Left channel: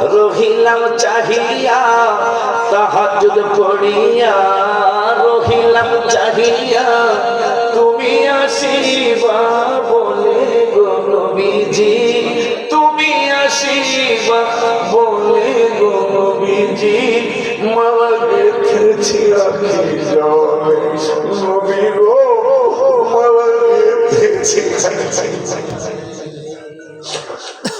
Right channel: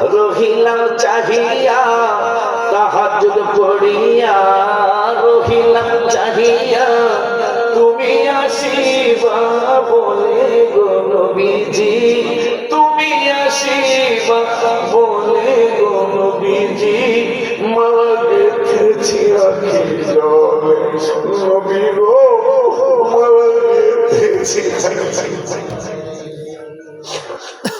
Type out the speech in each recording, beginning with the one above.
রহিলাম চাহিয়া, তাহাজুদ পড়িয়া, রহিলাম চাহিয়া, তুমি আসিবা বলে গো তুমি আসিবা বলে নবী গো।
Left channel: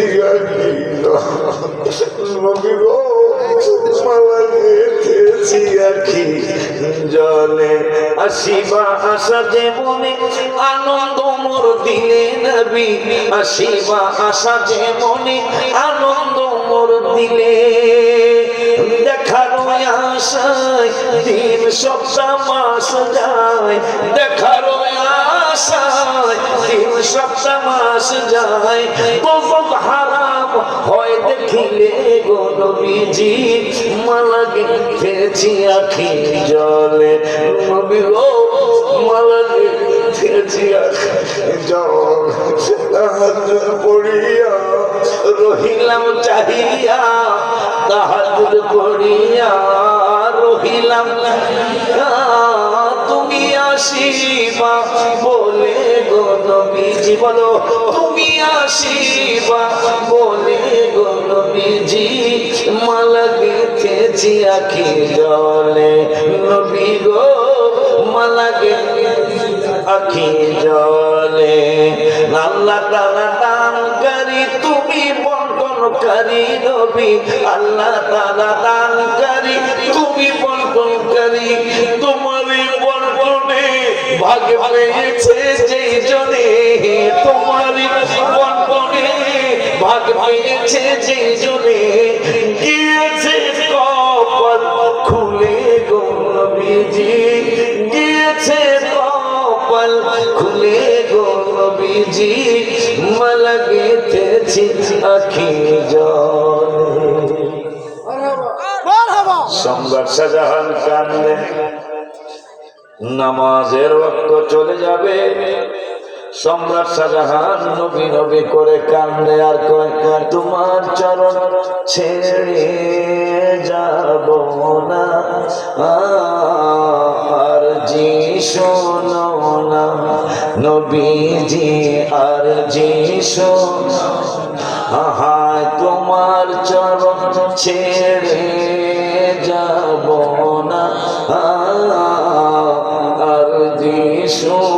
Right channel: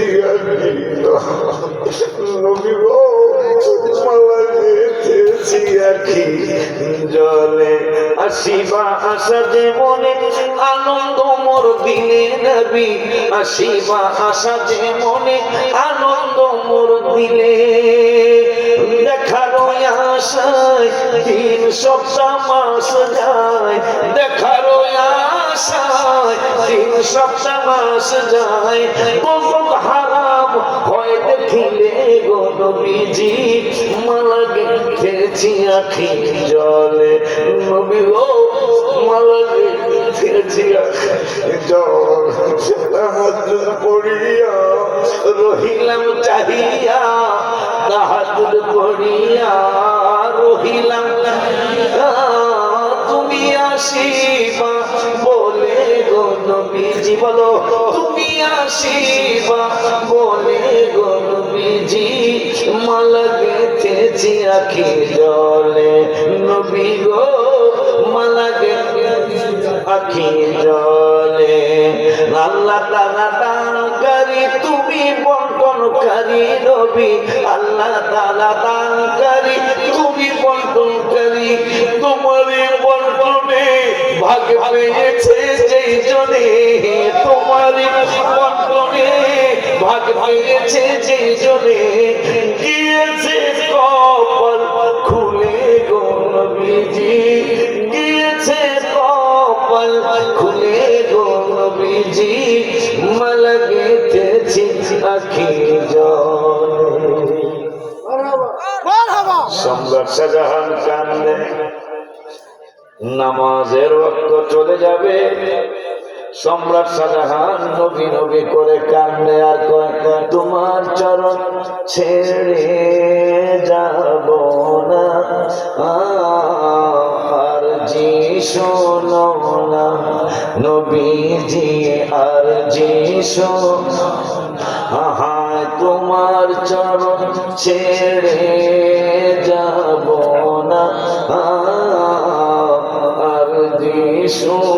গেতেছি আখি নবী গো মালা গেতেছি আখি জলে আসিবা আসা যে মনে আনন্দ মোর দিলে নবী আসিবা আসা মনে আনন্দ মোর দিলে। দেখার আশায় দিন সপ্তাহ মাস যায় দেখার আশায় দিন সপ্তাহ মাস যায় দেখিলে গো নবীজি মালা গেথেছি আখি জলে। নবী ও মালা গেথেছি আখি জল। তাহাজ্জুদ পড়িয়া রহিলাম চাহিয়া তাহাজ্জুদ পড়িয়া রহিলাম তুমি গো নবীজি বলো, তুমি আসিবা বলে গো নবীজি। মালা গেথেছি আখি জলে। নবী গো মালা গেথেছি আখি জলে। আল্লাহ তালা দানকারী, তুমি বন্টনকারী নবী। আল্লাহ তালা দানকারী, তুমি বন্টনকারী। তোমারই বন্টনে ভাগ পেয়েছে যেই জনে তোমারই বন্টনে ভাগ পেয়েছে যেই জনে। গিয়েছে কপাল খুলে গো নবীজি। গিয়েছে কপাল খুলে গো নবীজি। মালা গেথেছি আখি জল। সম্রাট শাহজাহান কান্দে নামাজের রক্ত চলে যাবে। সম্রাট শাহজাহান নবী নবী করে কান্দে আর তোমার চরণ ছেড়ে যাব না। আর জি শোনো নবীজি, আর জি শোনো তোমার চরণ ছেড়ে শোনো